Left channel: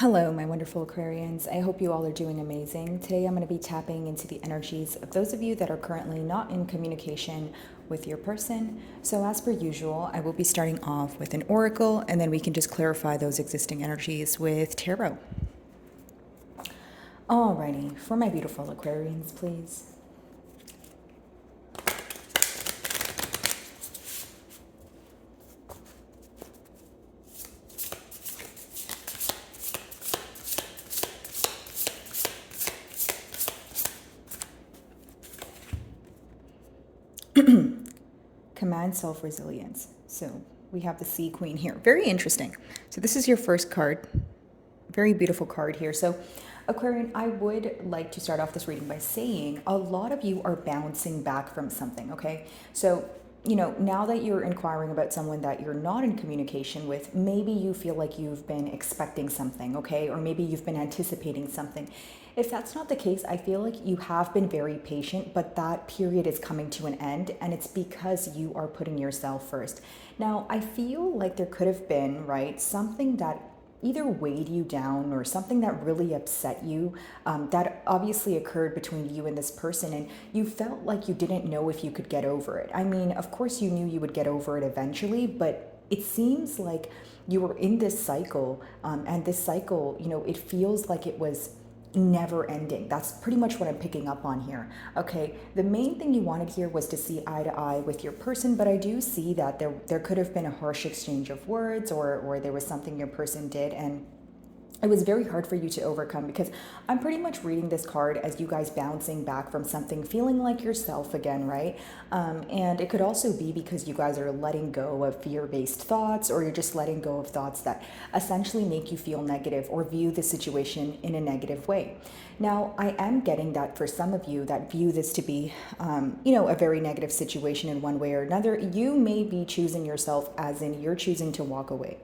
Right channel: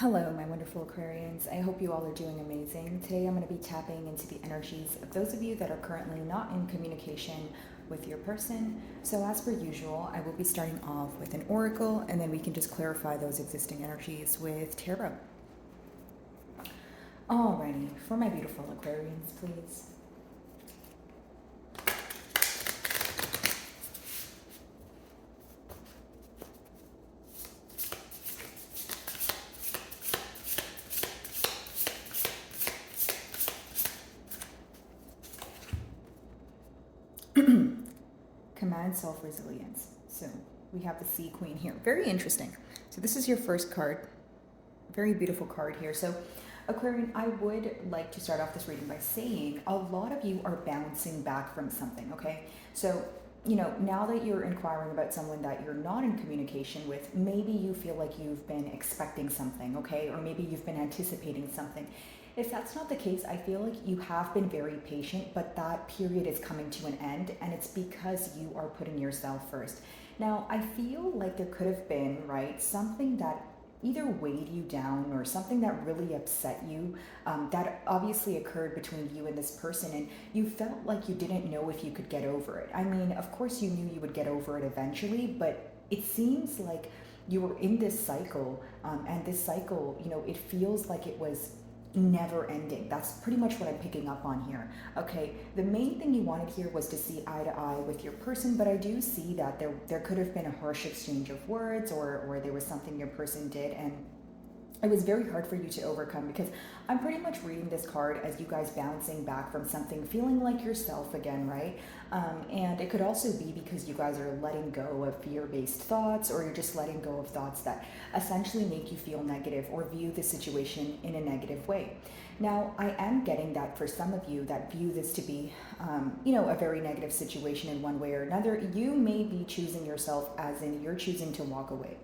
Hello, my wonderful Aquarians. I hope you all are doing amazing. Today I'm going to be tapping into the energies of those of you that are currently not in communication with your person. So, as per usual, I will be starting off with an oracle and then we can just clarify those existing energies with tarot. Alrighty, for my beautiful Aquarians, please. Command self-resilience. So we have the Sea Queen here. Very interesting. So this is your first card. Very beautiful card here. So Aquarian, I would like to start off this reading by saying a lot of you are bouncing back from something, okay? So, now that you're inquiring about someone that you're not in communication with, maybe you feel like you've been expecting something, okay? Or maybe you've been anticipating something. If that's not the case, I feel like you have been very patient, but that period is coming to an end, and it's because you are putting yourself first. Now, I feel like there could have been, right, something that either weighed you down or something that really upset you, that obviously occurred between you and this person, and you felt like you didn't know if you could get over it. I mean, of course you knew you would get over it eventually, but it seems like you were in this cycle, and this cycle, it feels like it was never ending. That's pretty much what I'm picking up on here. Okay, the main thing you wanted here was to see eye to eye with your person, but I do see that there could have been a harsh exchange of words, or there was something your person did, and it was very hard for you to overcome, because I'm pretty much reading this card as you guys bouncing back from something, feeling like yourself again, right? And it could also be because you guys are letting go of fear-based thoughts, or you're just letting go of thoughts that essentially make you feel negative or view the situation in a negative way. Now, I am getting that for some of you that view this to be, a very negative situation in one way or another, you may be choosing yourself, as in you're choosing to walk away.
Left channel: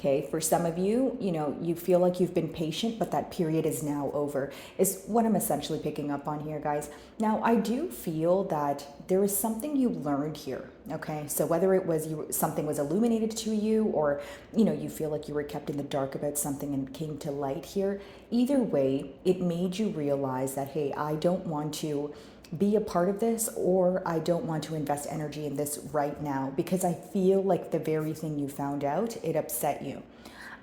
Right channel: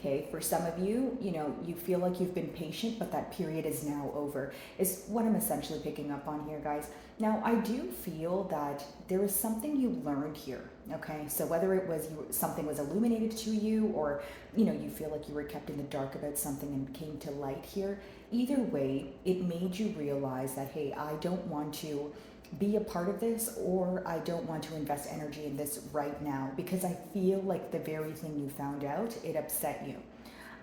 Okay, for some of you, you feel like you've been patient, but that period is now over, is what I'm essentially picking up on here, guys. Now, I do feel that there is something you learned here, okay? So whether it was something was illuminated to you, or, you feel like you were kept in the dark about something and came to light here, either way, it made you realize that, hey, I don't want to be a part of this, or I don't want to invest energy in this right now, because I feel like the very thing you found out, it upset you.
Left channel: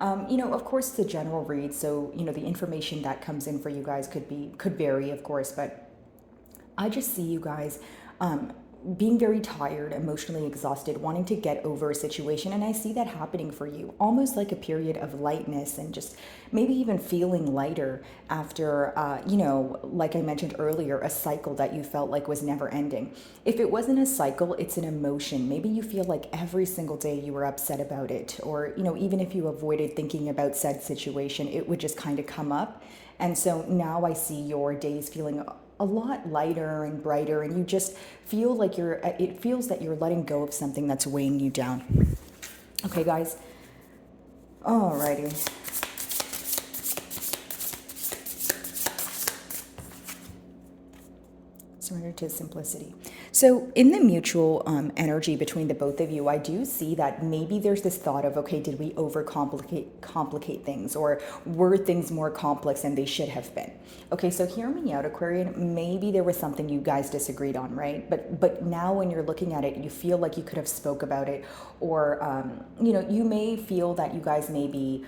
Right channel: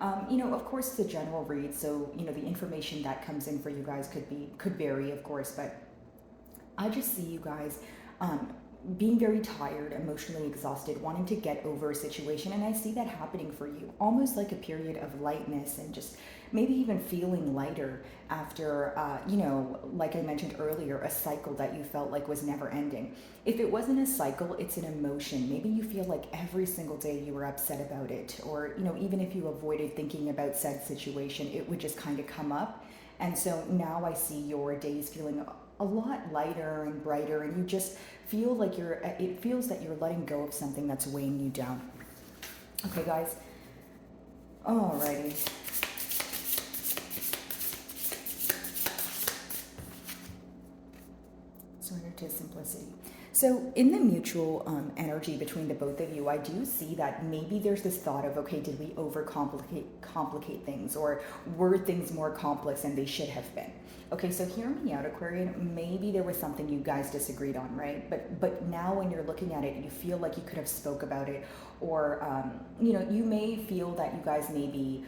Of course, the general read, so, the information that comes in for you guys could vary, of course, but I just see you guys being very tired, emotionally exhausted, wanting to get over a situation. And I see that happening for you, almost like a period of lightness, and just maybe even feeling lighter after, like I mentioned earlier, a cycle that you felt like was never ending. If it wasn't a cycle, it's an emotion. Maybe you feel like every single day you were upset about it, or, even if you avoided thinking about said situation, it would just kind of come up. And so now I see your days feeling a lot lighter and brighter, and you just feel like it feels that you're letting go of something that's weighing you down. Okay, guys. Alrighty. Surrender to simplicity. So in the mutual energy between the both of you, I do see that maybe there's this thought of, okay, did we complicate things, or were things more complex than they should have been? Okay, so hear me out, Aquarian. Maybe there was something you guys disagreed on, right? But now when you're looking at it, you feel like you could have spoke about it, or you may feel that you guys maybe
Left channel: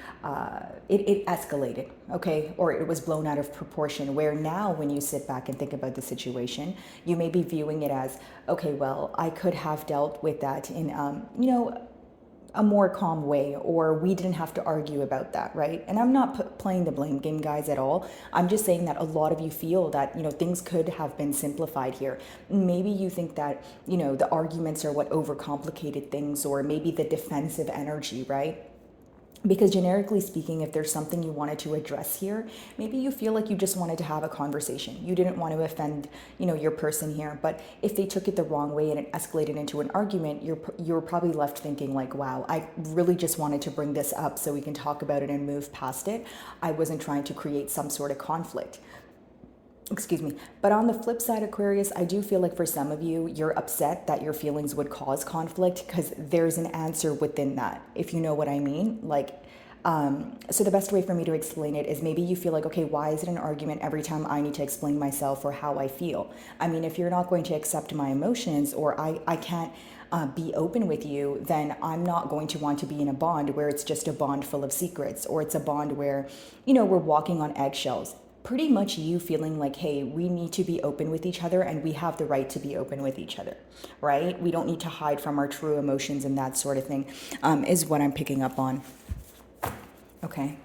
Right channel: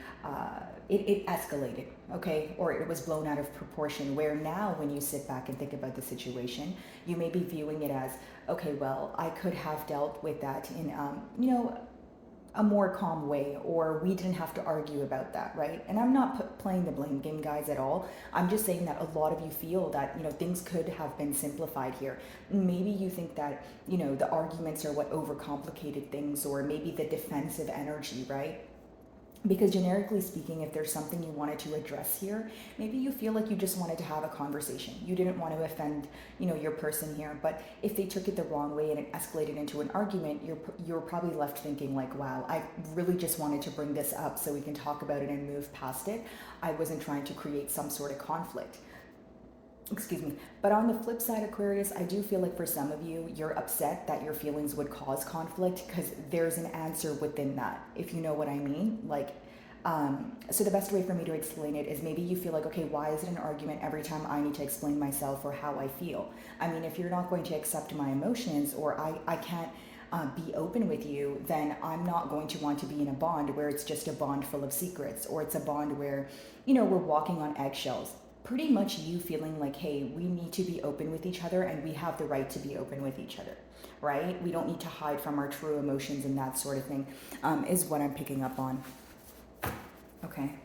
it escalated, okay, or it was blown out of proportion. Where now, when you sit back and think about the situation, you may be viewing it as, okay, well, I could have dealt with that in a more calm way, or we didn't have to argue about that, right? And I'm not playing the blame game, guys, at all. I'm just saying that a lot of you feel that, things could have been simplified here. Maybe you think that, the arguments are what overcomplicated things, or maybe the defensive energy, right? Because generically speaking, if there's something you wanted to address here, maybe you feel like you just wanted to have a conversation. You didn't want to offend, your person here. But if they took it the wrong way and it escalated into an argument, you're probably left thinking like, wow, I really just wanted to bring this up so we can talk about it and move past it. I wasn't trying to create some sort of conflict. Excuse me. But on the flip side, Aquarius, I do feel like for some of you, you're upset that your feelings would cause conflict, because there's an answer within that, if you know what I mean. Like, So the best way for me to explain it is maybe you feel like, okay, why is it an argument every time I need to explain myself or how I feel? I mean, if you're not going to accept my emotions, or I can't be open with you, then I'm not going to want to be in a bond where it's just a bond full of secrets, or it's a bond where, we're walking on eggshells. Pretty much you feeling like, hey, we need to be open with each other and we have the right to be open with each other, right? We don't need to hide from our true emotions and that sort of thing, is what I'm picking up on. Okay.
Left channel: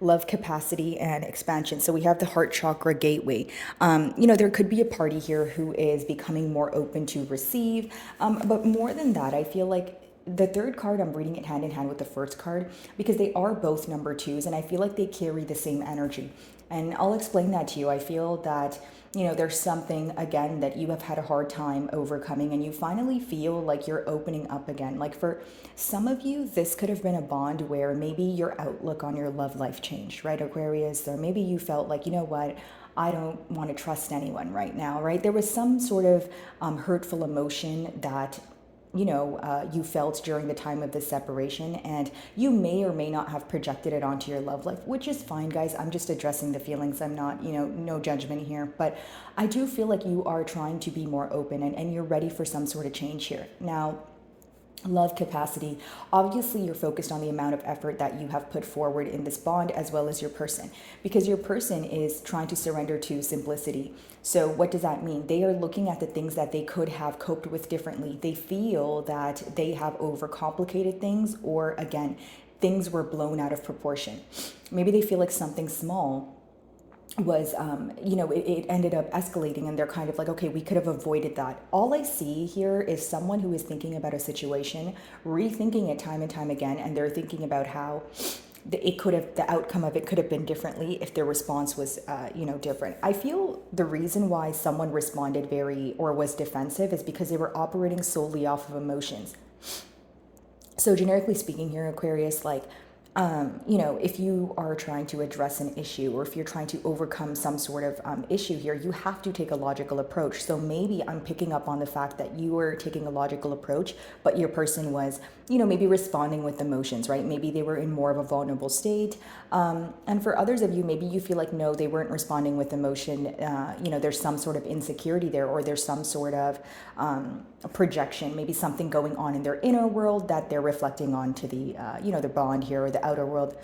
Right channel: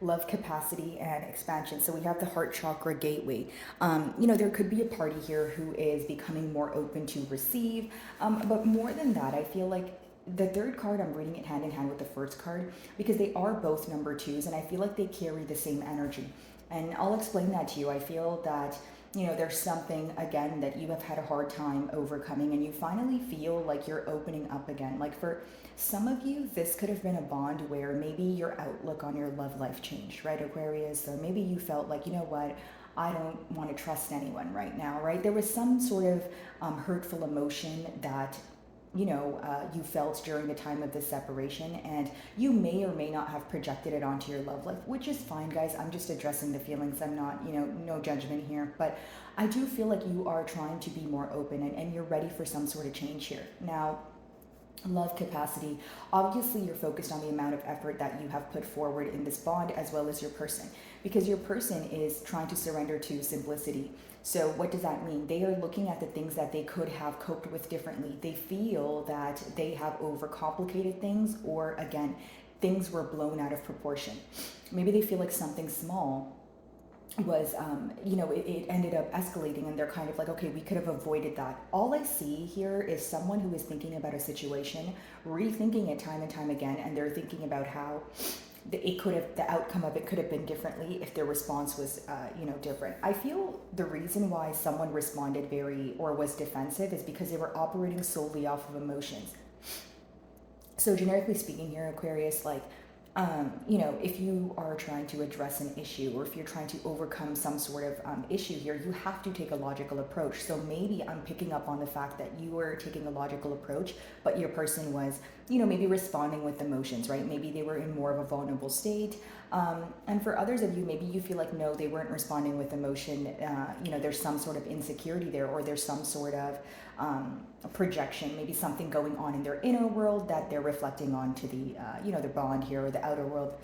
Love capacity and expansion. So we have the heart chakra gateway. There could be a party here who is becoming more open to receive. But more than that, I feel like the third card, I'm reading it hand in hand with the first card because they are both number twos and I feel like they carry the same energy. And I'll explain that to you. I feel that, there's something, again, that you have had a hard time overcoming and you finally feel like you're opening up again. Like for some of you, this could have been a bond where maybe your outlook on your love life changed, right, Aquarius? Or maybe you felt like, you know what, I don't want to trust anyone right now, right? There was some sort of hurtful emotion that you felt during the time of the separation, and you may or may not have projected it onto your love life, which is fine, guys. I'm just addressing the feelings. I'm not, no judgment here, but I do feel like you are trying to be more open and you're ready for some sort of change here. Now, love capacity. Obviously, you're focused on the amount of effort that you have put forward in this bond as well as your person, because your person is trying to surrender to simplicity. So what does that mean? They are looking at the things that they could have coped with differently. They feel that they have overcomplicated things, or again, things were blown out of proportion. Maybe they feel like something small was it ended up escalating and they're kind of like, okay, we could have avoided that. All I see here is someone who is thinking about a situation, rethinking it time and time again, and they're thinking about how the outcome of it could have been differently if their response was different. I feel the reason why someone responded was defensive is because they were operating solely off of emotions. So generically speaking here, Aquarius, like if you are trying to address an issue, or if you're trying to overcome some sort of issue here, you have to take a logical approach. So maybe I'm picking up on the fact that you were taking a logical approach, but your person was, maybe responding with emotions, right? Maybe they were in more of a vulnerable state. And for others of you, maybe you feel like, no, they weren't responding with emotion. There's some sort of insecurity there, or there's some sort of projection, maybe something going on in their inner world that they're reflecting onto the, the bond here, or the outer world.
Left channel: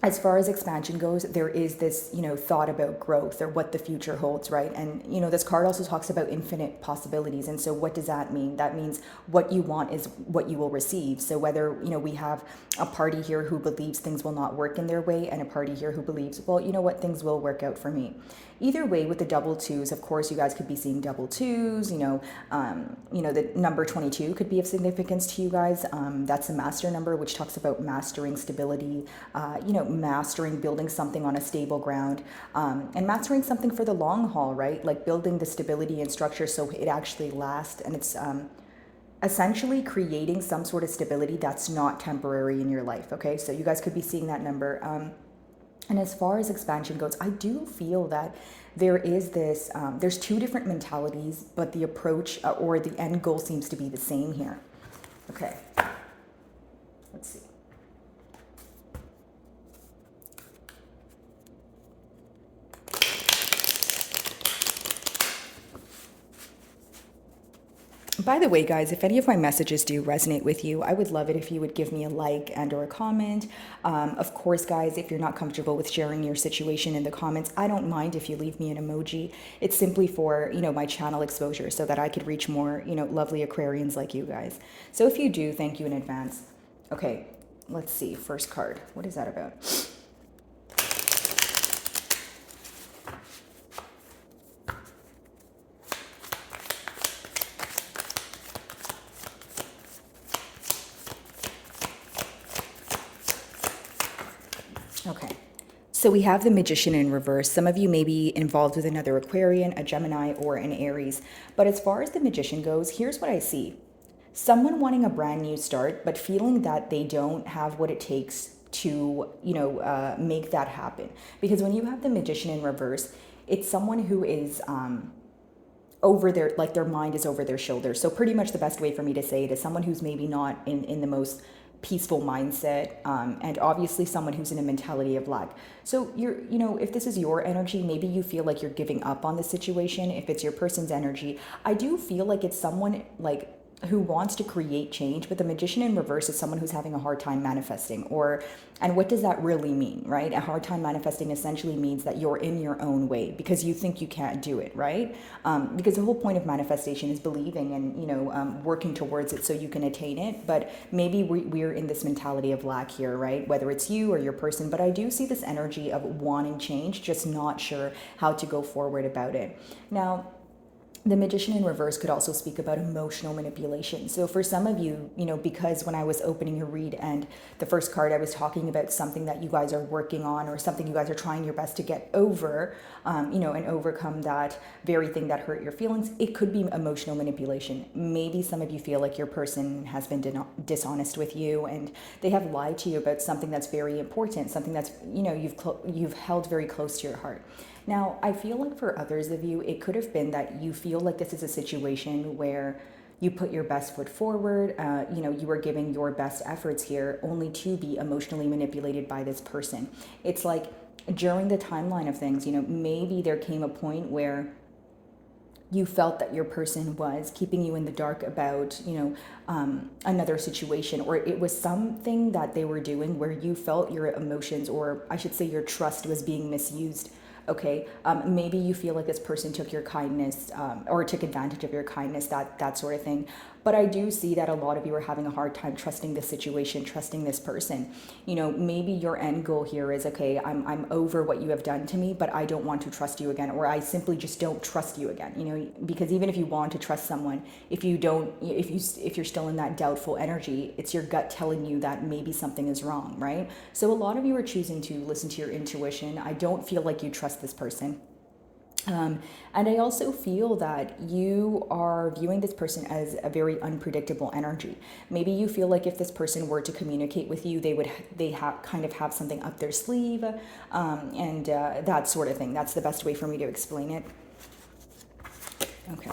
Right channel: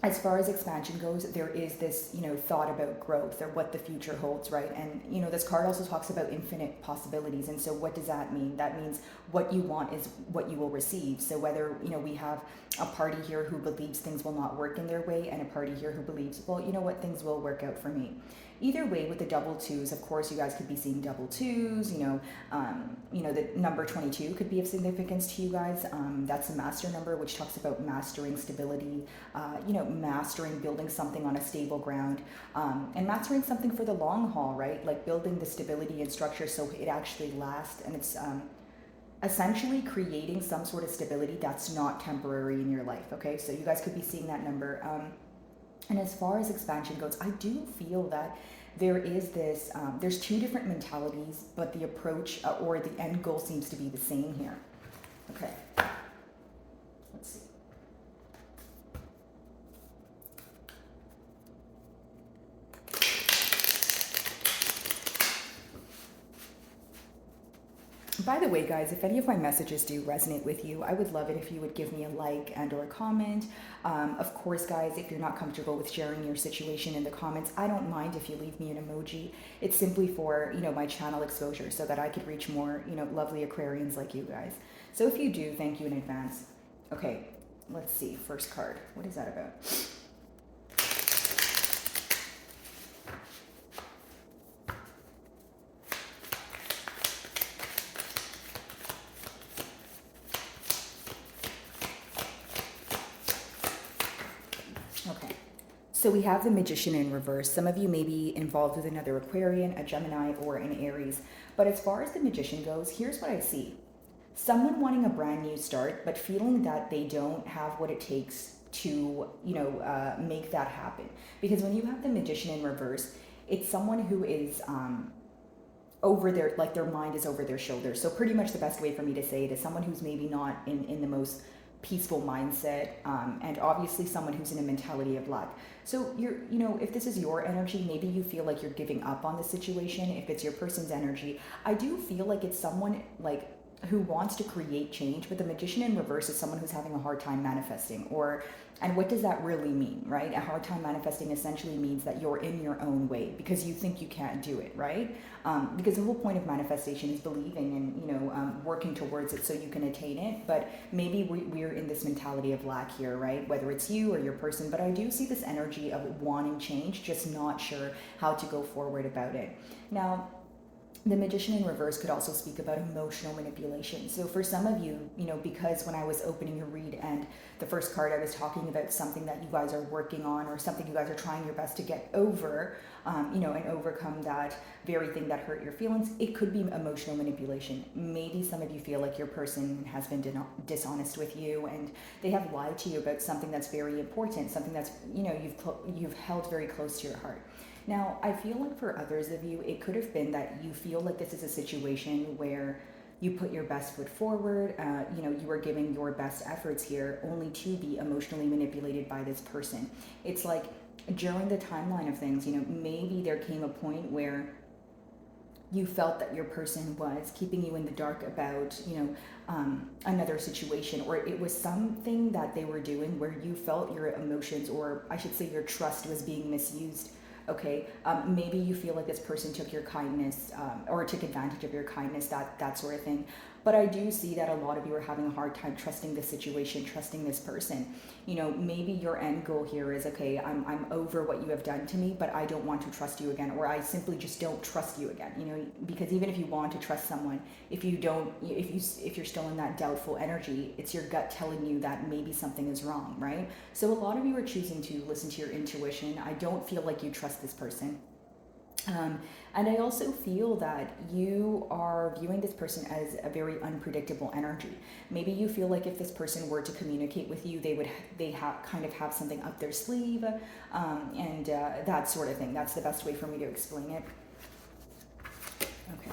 As far as expansion goes, there is this, thought about growth or what the future holds, right? And, this card also talks about infinite possibilities. And so what does that mean? That means what you want is what you will receive. So whether, we have a party here who believes things will not work in their way, and a party here who believes, well, you know what, things will work out for me. Either way, with the double twos, of course, you guys could be seeing double twos. The number 22 could be of significance to you guys. That's a master number, which talks about mastering stability, mastering building something on a stable ground, and mastering something for the long haul, right? Like building the stability and structure so it actually lasts, and it's essentially creating some sort of stability that's not temporary in your life. Okay, so you guys could be seeing that number. And as far as expansion goes, I do feel that there is this, there's two different mentalities, but the approach or the end goal seems to be the same here. Okay, let's see. By the way, guys, if any of my messages do resonate with you, I would love it if you would give me a like and or a comment. Of course, guys, if you're not comfortable with sharing your situation in the comments, I don't mind if you leave me an emoji. It's simply for, my channel exposure so that I could reach more, lovely Aquarians like you guys. So if you do, thank you in advance. Okay, let's see. First card. What is that about? Okay, so we have the Magician in reverse. Some of you may be involved with another Aquarian, a Gemini, or an Aries. But as far as the Magician goes, here's what I see. Someone wanting a brand new start, but feeling that they don't have what it takes to, make that happen. Because when you have the Magician in reverse, it's someone who is over their, like their mind is over their shoulders. So pretty much the best way for me to say it is someone who's maybe not in the most peaceful mindset, and obviously someone who's in a mentality of lack. So if this is your energy, maybe you feel like you're giving up on the situation. If it's your person's energy, I do feel like it's someone like who wants to create change, but the magician in reverse is someone who's having a hard time manifesting. And what does that really mean, right? A hard time manifesting essentially means that you're in your own way because you think you can't do it, right? Because the whole point of manifestation is believing and working towards it so you can attain it. But maybe we're in this mentality of lack here, right? Whether it's you or your person, but I do see this energy of wanting change, just not sure how to go forward about it. Now, the magician in reverse could also speak about emotional manipulation. So for some of you, because when I was opening your read and the first card, I was talking about something that you guys are working on or something you guys are trying your best to get over, and overcome that very thing that hurt your feelings. It could be emotional manipulation. Maybe some of you feel like your person has been dishonest with you and they have lied to you about something that's very important, something that's, you've held very close to your heart. Now, I feel like for others of you, it could have been that you feel like this is a situation where you put your best foot forward, you were giving your best efforts here only to be emotionally manipulated by this person. It's like during the timeline of things, maybe there came a point where you felt that your person was keeping you in the dark about, another situation, or it was something that they were doing where you felt your emotions, or I should say your trust, was being misused. Okay, maybe you feel like this person took your kindness, or took advantage of your kindness, that sort of thing. But I do see that a lot of you are having a hard time trusting this situation, trusting this person. Maybe your end goal here is, okay, I'm over what you have done to me, but I don't want to trust you again, or I simply just don't trust you again. Because even if you want to trust someone, if you're still in that doubtful energy, it's your gut telling you that maybe something is wrong, right? So a lot of you are choosing to listen to your intuition. I don't feel like you trust this person. And I also feel that you are viewing this person as a very unpredictable energy. Maybe you feel like if this person were to communicate with you, they have something up their sleeve, and that sort of thing. That's the best way for me to explain it. Okay.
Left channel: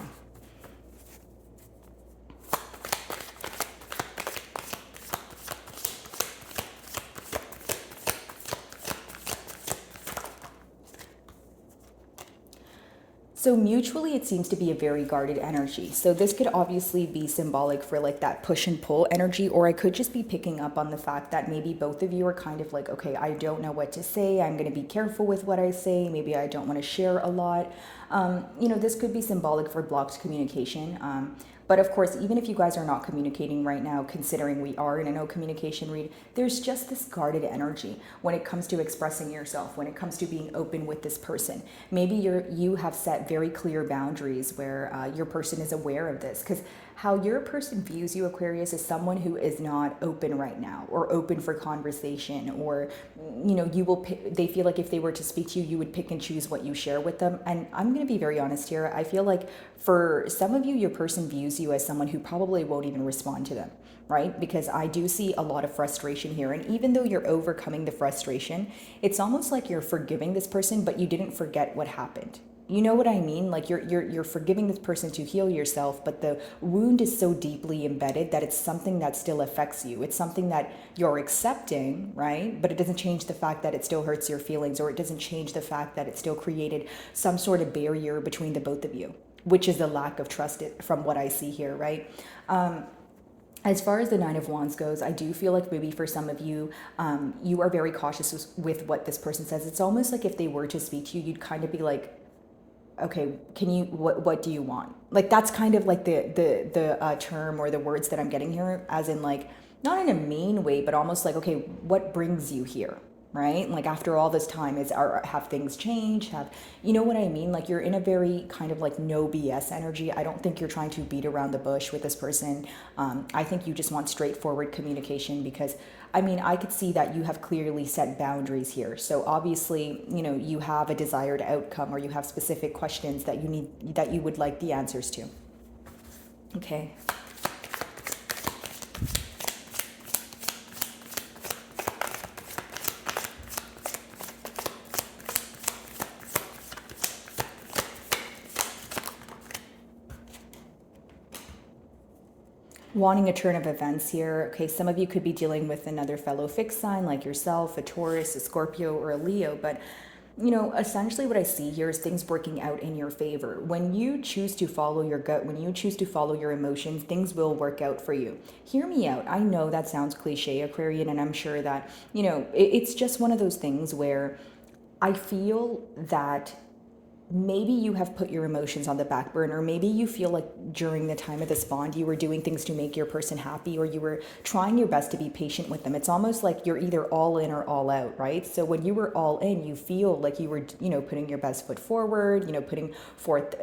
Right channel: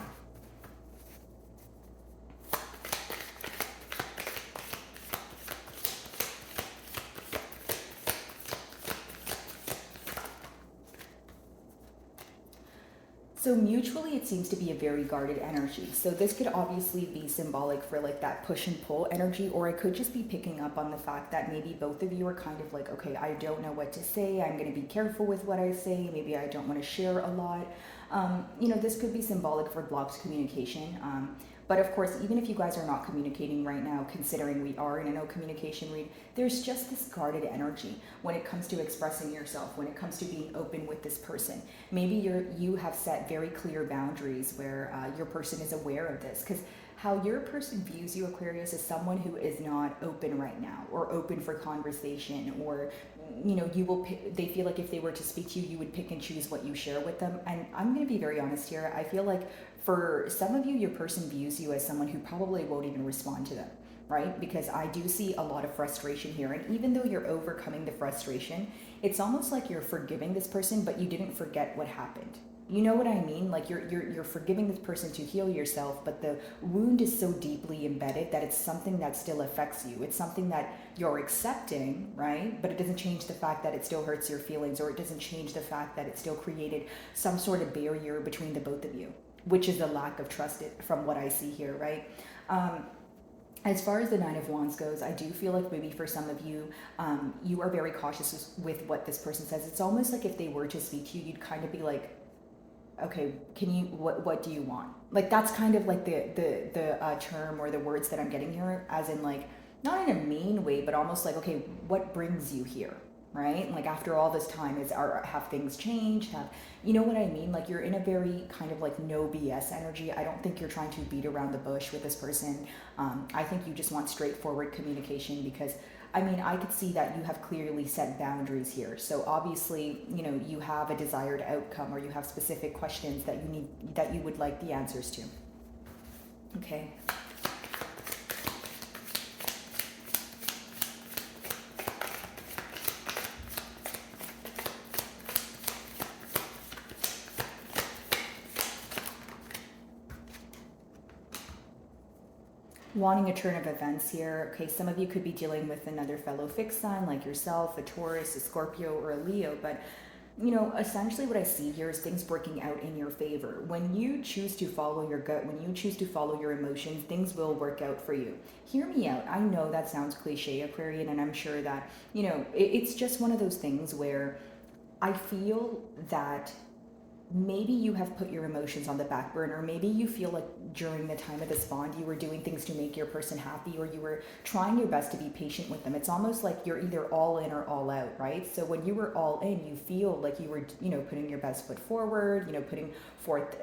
So mutually, it seems to be a very guarded energy. So this could obviously be symbolic for like that push and pull energy, or I could just be picking up on the fact that maybe both of you are kind of like, okay, I don't know what to say. I'm going to be careful with what I say. Maybe I don't want to share a lot. This could be symbolic for blocked communication. But of course, even if you guys are not communicating right now, considering we are in a no communication read, there's just this guarded energy when it comes to expressing yourself, when it comes to being open with this person. Maybe you have set very clear boundaries where your person is aware of this, because how your person views you, Aquarius, is someone who is not open right now, or open for conversation, or they feel like if they were to speak to you, you would pick and choose what you share with them. And I'm going to be very honest here. I feel like for some of you, your person views you as someone who probably won't even respond to them, right? Because I do see a lot of frustration here. And even though you're overcoming the frustration, it's almost like you're forgiving this person, but you didn't forget what happened. You know what I mean? Like you're forgiving this person to heal yourself, but the wound is so deeply embedded that it's something that still affects you. It's something that you're accepting, right? But it doesn't change the fact that it still hurts your feelings, or it doesn't change the fact that it still created some sort of barrier between the both of you, which is the lack of trust from what I see here, right? As far as the Nine of Wands goes, I do feel like maybe for some of you, you are very cautious with what this person says. It's almost like if they were to speak to you, you'd kind of be like, okay, what do you want? Like, that's kind of like the term or the words that I'm getting here, as in like, not in a mean way, but almost like, okay, what brings you here? Right? Like after all this time, have things changed? You know what I mean? Like you're in a very kind of like no BS energy. I don't think you're trying to beat around the bush with this person. I think you just want straightforward communication, because I could see that you have clearly set boundaries here. So obviously, you have a desired outcome, or you have specific questions that you would like the answers to. Okay. wanting a turn of events here. Okay, some of you could be dealing with another fellow fixed sign like yourself, a Taurus, a Scorpio, or a Leo, but essentially what I see here is things working out in your favor. When you choose to follow your gut, when you choose to follow your emotions, things will work out for you. Hear me out. I know that sounds cliche, Aquarian, and I'm sure that, it's just one of those things where I feel that maybe you have put your emotions on the back burner. Maybe you feel like during the time of this bond, you were doing things to make your person happy, or you were trying your best to be patient with them. It's almost like you're either all in or all out, right? So when you were all in, you feel like you were, putting your best foot forward, putting forth,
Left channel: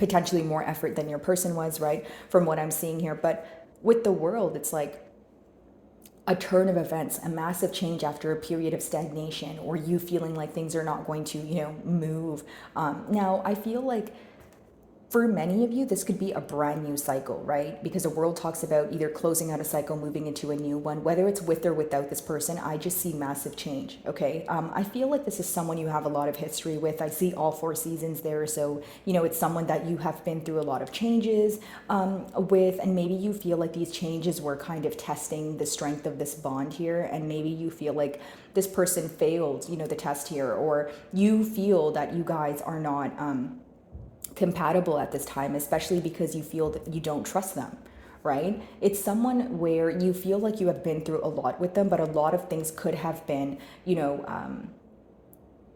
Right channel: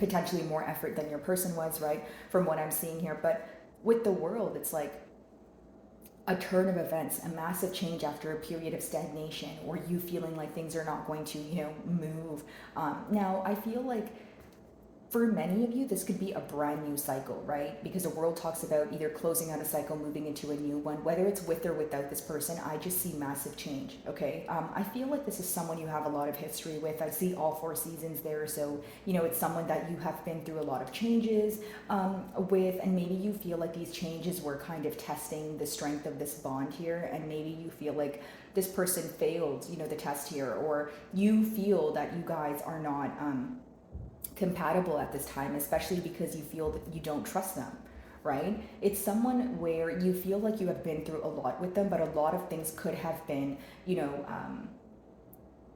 potentially more effort than your person was, right? From what I'm seeing here. But with the world, it's like a turn of events, a massive change after a period of stagnation, or you feeling like things are not going to, move. Now, I feel like for many of you, this could be a brand new cycle, right? Because the world talks about either closing out a cycle, moving into a new one, whether it's with or without this person. I just see massive change, okay? I feel like this is someone you have a lot of history with. I see all 4 seasons there. So, it's someone that you have been through a lot of changes with, and maybe you feel like these changes were kind of testing the strength of this bond here. And maybe you feel like this person failed, the test here, or you feel that you guys are not, compatible at this time, especially because you feel that you don't trust them, right? It's someone where you feel like you have been through a lot with them, but a lot of things could have been,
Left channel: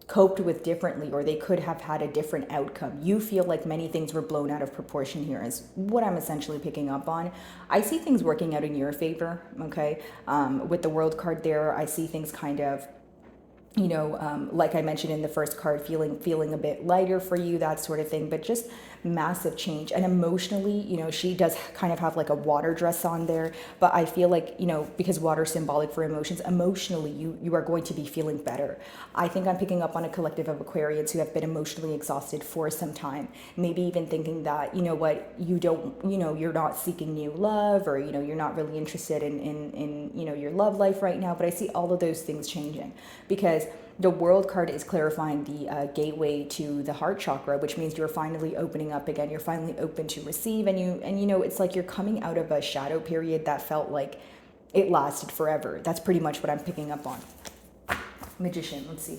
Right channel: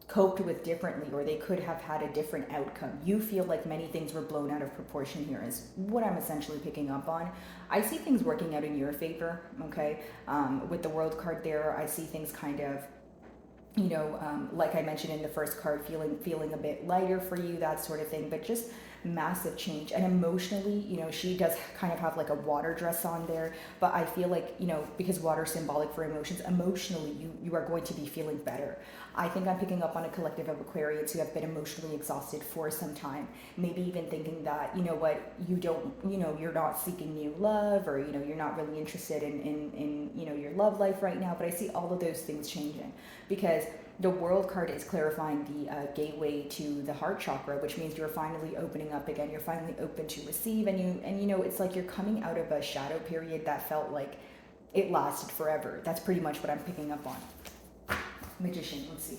coped with differently, or they could have had a different outcome. You feel like many things were blown out of proportion here is what I'm essentially picking up on. I see things working out in your favor, okay? With the World card there, I see things kind of like I mentioned in the first card, feeling a bit lighter for you, that sort of thing, but just massive change. And emotionally, she does kind of have like a water dress on there, but I feel like, because water is symbolic for emotions, emotionally, you are going to be feeling better. I think I'm picking up on a collective of Aquarians who have been emotionally exhausted for some time, maybe even thinking that, you don't, you're not seeking new love, or, you're not really interested in your love life right now. But I see all of those things changing, because the World card is clarifying the gateway to the heart chakra, which means you're finally opening up again. You're finally open to receive, and it's like you're coming out of a shadow period that felt like it lasted forever. That's pretty much what I'm picking up on. Magician, let's see.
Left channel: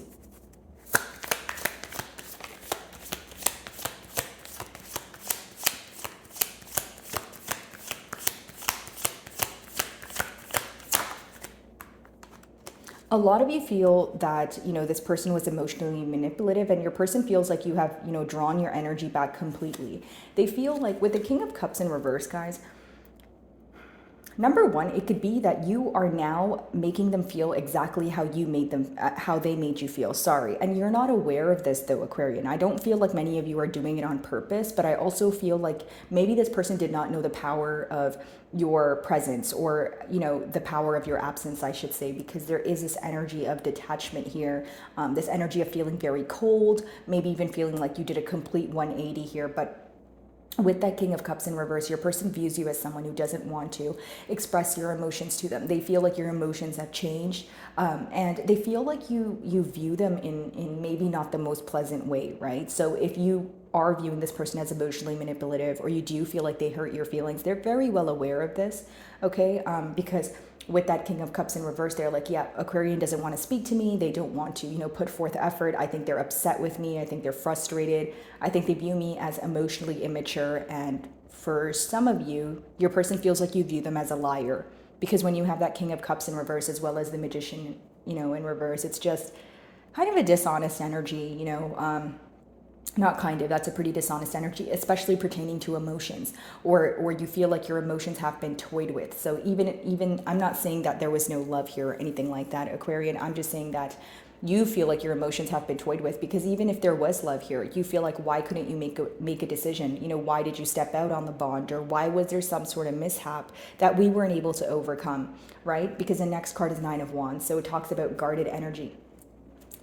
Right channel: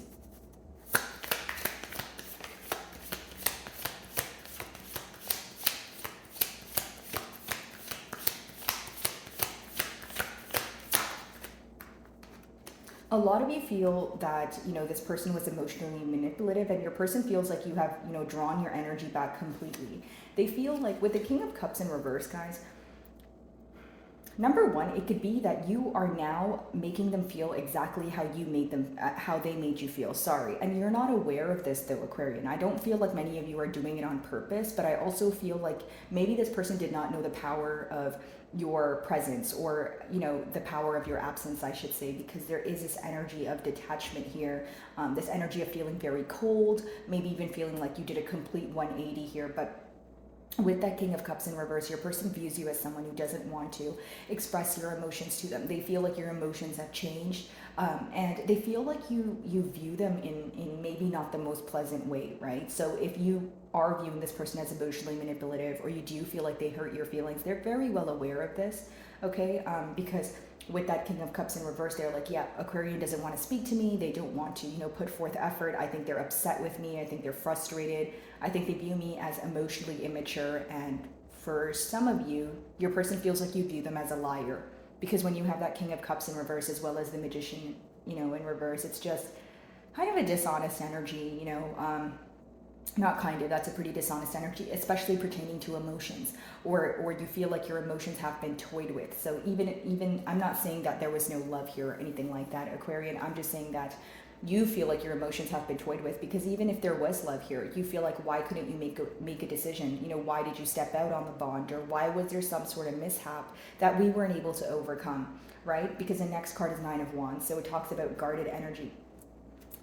A lot of you feel that, this person was emotionally manipulative, and your person feels like you have, drawn your energy back completely. They feel like with the King of Cups in reverse, guys, number one, it could be that you are now making them feel exactly how you made them, how they made you feel. Sorry. And you're not aware of this though, Aquarian. I don't feel like many of you are doing it on purpose, but I also feel like maybe this person did not know the power of your presence, or the power of your absence, I should say, because there is this energy of detachment here, this energy of feeling very cold, maybe even feeling like you did a complete 180 here. But with that King of Cups in reverse, your person views you as someone who doesn't want to express your emotions to them. They feel like your emotions have changed, and they feel like you view them in maybe not the most pleasant way, right? So if you are viewing this person as emotionally manipulative, or you do feel like they hurt your feelings, they're very well aware of this, okay? Because with that King of Cups in reverse, they're like, yeah, Aquarian doesn't want to speak to me. They don't want to, put forth effort. I think they're upset with me. I think they're frustrated. I think they view me as emotionally immature. And for some of you, your person feels like you view them as a liar. Because when you have that King of Cups in reverse, as well as the Magician, in reverse, it's just kind of a dishonest energy, not kind of, that's a pretty dishonest energy, especially pertaining to emotions, or you feel like your emotions have been toyed with. So even I'm not saying that there was no love here or anything like that, Aquarian. I'm just saying that you feel like your emotions have been toyed with, because even if there was love here, you feel like, why couldn't you make a decision? Why did you step out on the bond, or why was there some sort of mishap that we weren't able to overcome, right? Because the next card is 9 of Wands, so it talks about guarded energy.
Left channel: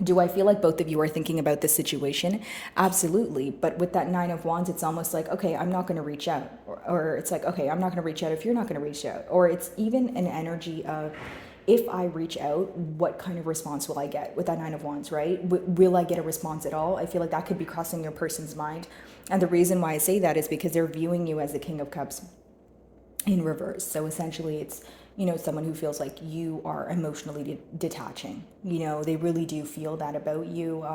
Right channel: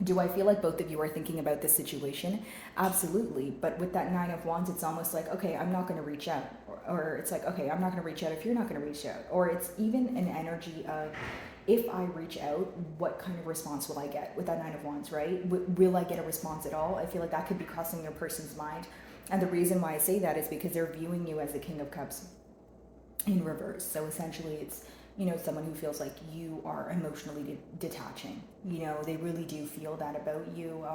Do I feel like both of you are thinking about this situation? Absolutely. But with that 9 of Wands, it's almost like, okay, I'm not going to reach out. Or it's like, okay, I'm not going to reach out if you're not going to reach out. Or it's even an energy of, if I reach out, what kind of response will I get with that 9 of Wands, right? Will I get a response at all? I feel like that could be crossing your person's mind. And the reason why I say that is because they're viewing you as the King of Cups in reverse. So essentially it's, someone who feels like you are emotionally detaching. They really do feel that about you.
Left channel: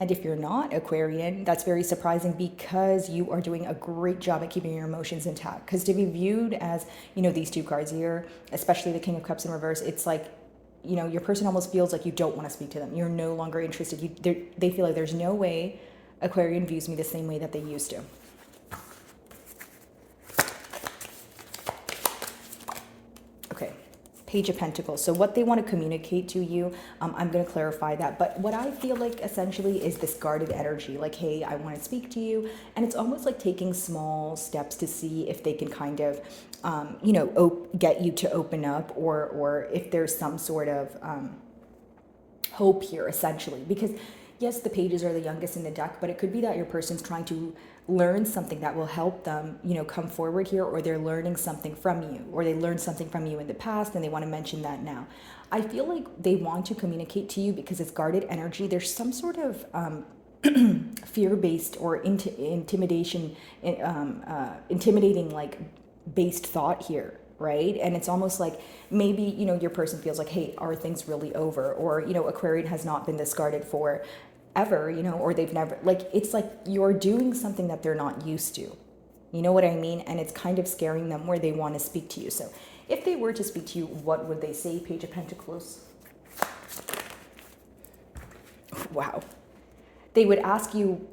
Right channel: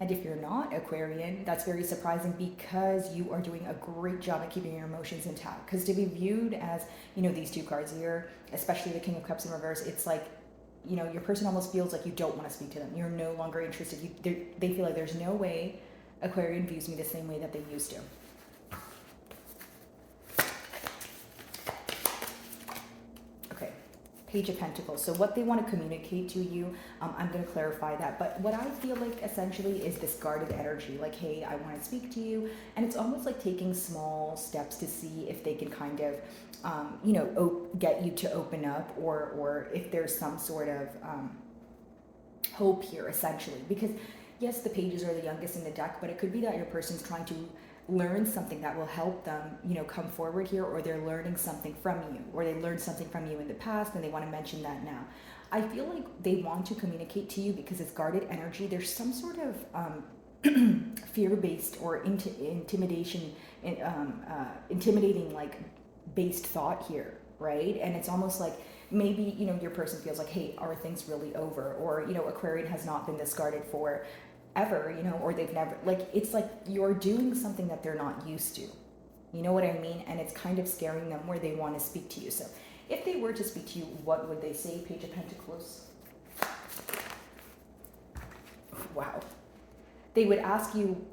And if you're not Aquarian, that's very surprising because you are doing a great job at keeping your emotions intact. Because to be viewed as, these two cards here, especially the King of Cups in reverse, it's like, your person almost feels like you don't want to speak to them. You're no longer interested. They feel like there's no way Aquarian views me the same way that they used to. Okay, Page of Pentacles. So what they want to communicate to you, I'm going to clarify that. But what I feel like essentially is this guarded energy. Like, hey, I want to speak to you. And it's almost like taking small steps to see if they can kind of, get you to open up, or if there's some sort of hope here, essentially. Because yes, the pages are the youngest in the deck, but it could be that your person's trying to learn something that will help them, come forward here, or they're learning something from you, or they learned something from you in the past and they want to mention that now. I feel like they want to communicate to you because it's guarded energy. There's some sort of fear-based or intimidation, intimidating like based thought here, right? And it's almost like maybe, your person feels like, hey, are things really over? Or, Aquarian has not been discarded for ever, or they've never, like, it's like you're doing something that they're not used to. You know what I mean? And it's kind of scaring them where they want to speak to you. So if they were to speak to you, what would they say? Page of Pentacles. Wow. They would ask you,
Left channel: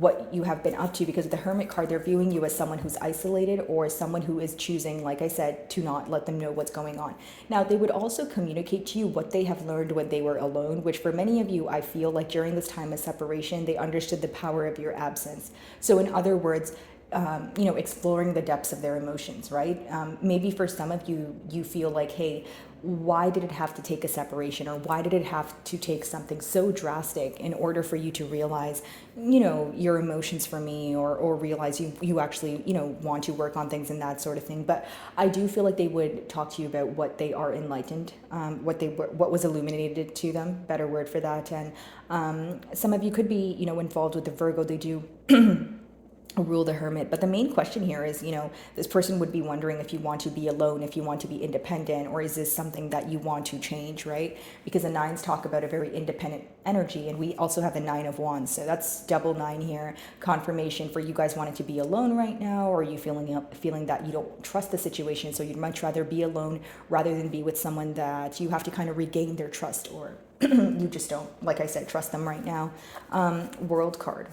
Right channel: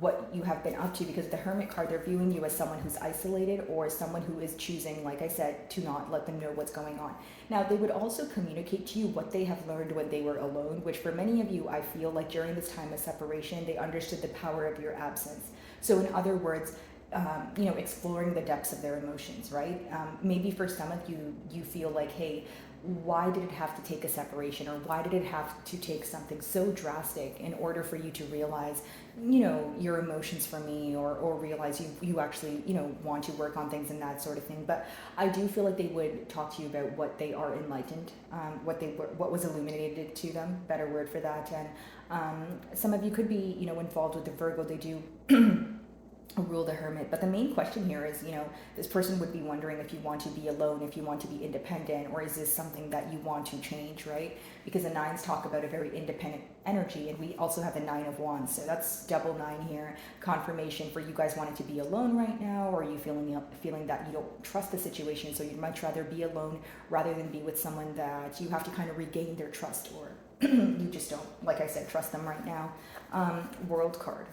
what you have been up to, because the Hermit card, they're viewing you as someone who's isolated or someone who is choosing, like I said, to not let them know what's going on. Now, they would also communicate to you what they have learned when they were alone, which for many of you, I feel like during this time of separation, they understood the power of your absence. So in other words, exploring the depths of their emotions, right? Maybe for some of you, you feel like, hey, why did it have to take a separation, or why did it have to take something so drastic in order for you to realize, your emotions for me, or realize you actually, want to work on things and that sort of thing. But I do feel like they would talk to you about what they are enlightened, what was illuminated to them, better word for that. And some of you could be, involved with the Virgo. They do rule the Hermit. But the main question here is, this person would be wondering if you want to be alone, if you want to be independent, or is this something that you want to change, right? Because the nines talk about a very independent energy, and we also have the Nine of Wands. So that's double nine here. Confirmation for you guys wanting to be alone right now, or are you feeling that you don't trust the situation, so you'd much rather be alone rather than be with someone that you have to kind of regain their trust, or you just don't, like I said, trust them right now. World card.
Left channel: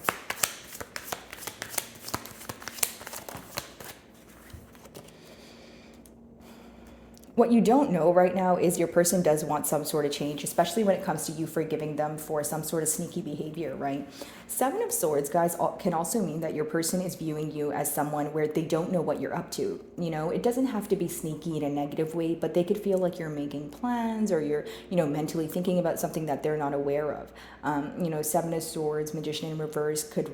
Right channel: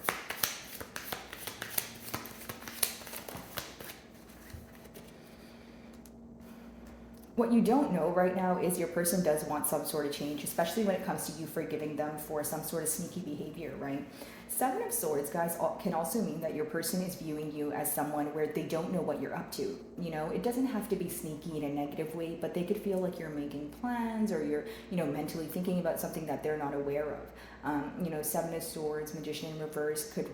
What you don't know right now is your person does want some sort of change, especially when it comes to you forgiving them for some sort of sneaky behavior, right? Seven of Swords, guys, can also mean that your person is viewing you as someone where they don't know what you're up to. It doesn't have to be sneaky in a negative way, but they could feel like you're making plans, or you're, mentally thinking about something that they're not aware of. Seven of Swords, Magician in reverse could,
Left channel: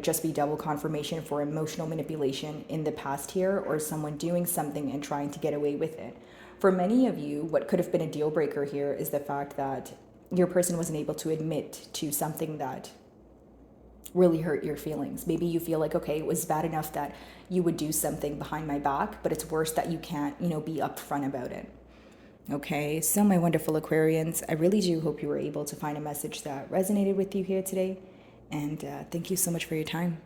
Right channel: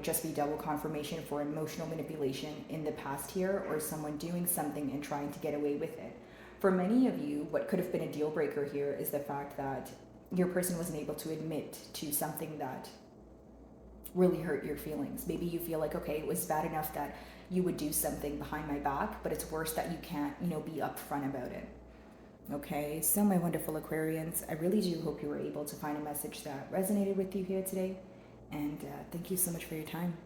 just be double confirmation for emotional manipulation in the past here, or someone doing something and trying to get away with it. For many of you, what could have been a deal breaker here is the fact that your person wasn't able to admit to something that really hurt your feelings. Maybe you feel like, okay, it was bad enough that you would do something behind my back, but it's worse that you can't, be upfront about it. Okay, so my wonderful Aquarians, I really do hope you were able to find a message that resonated with you here today. And thank you so much for your time.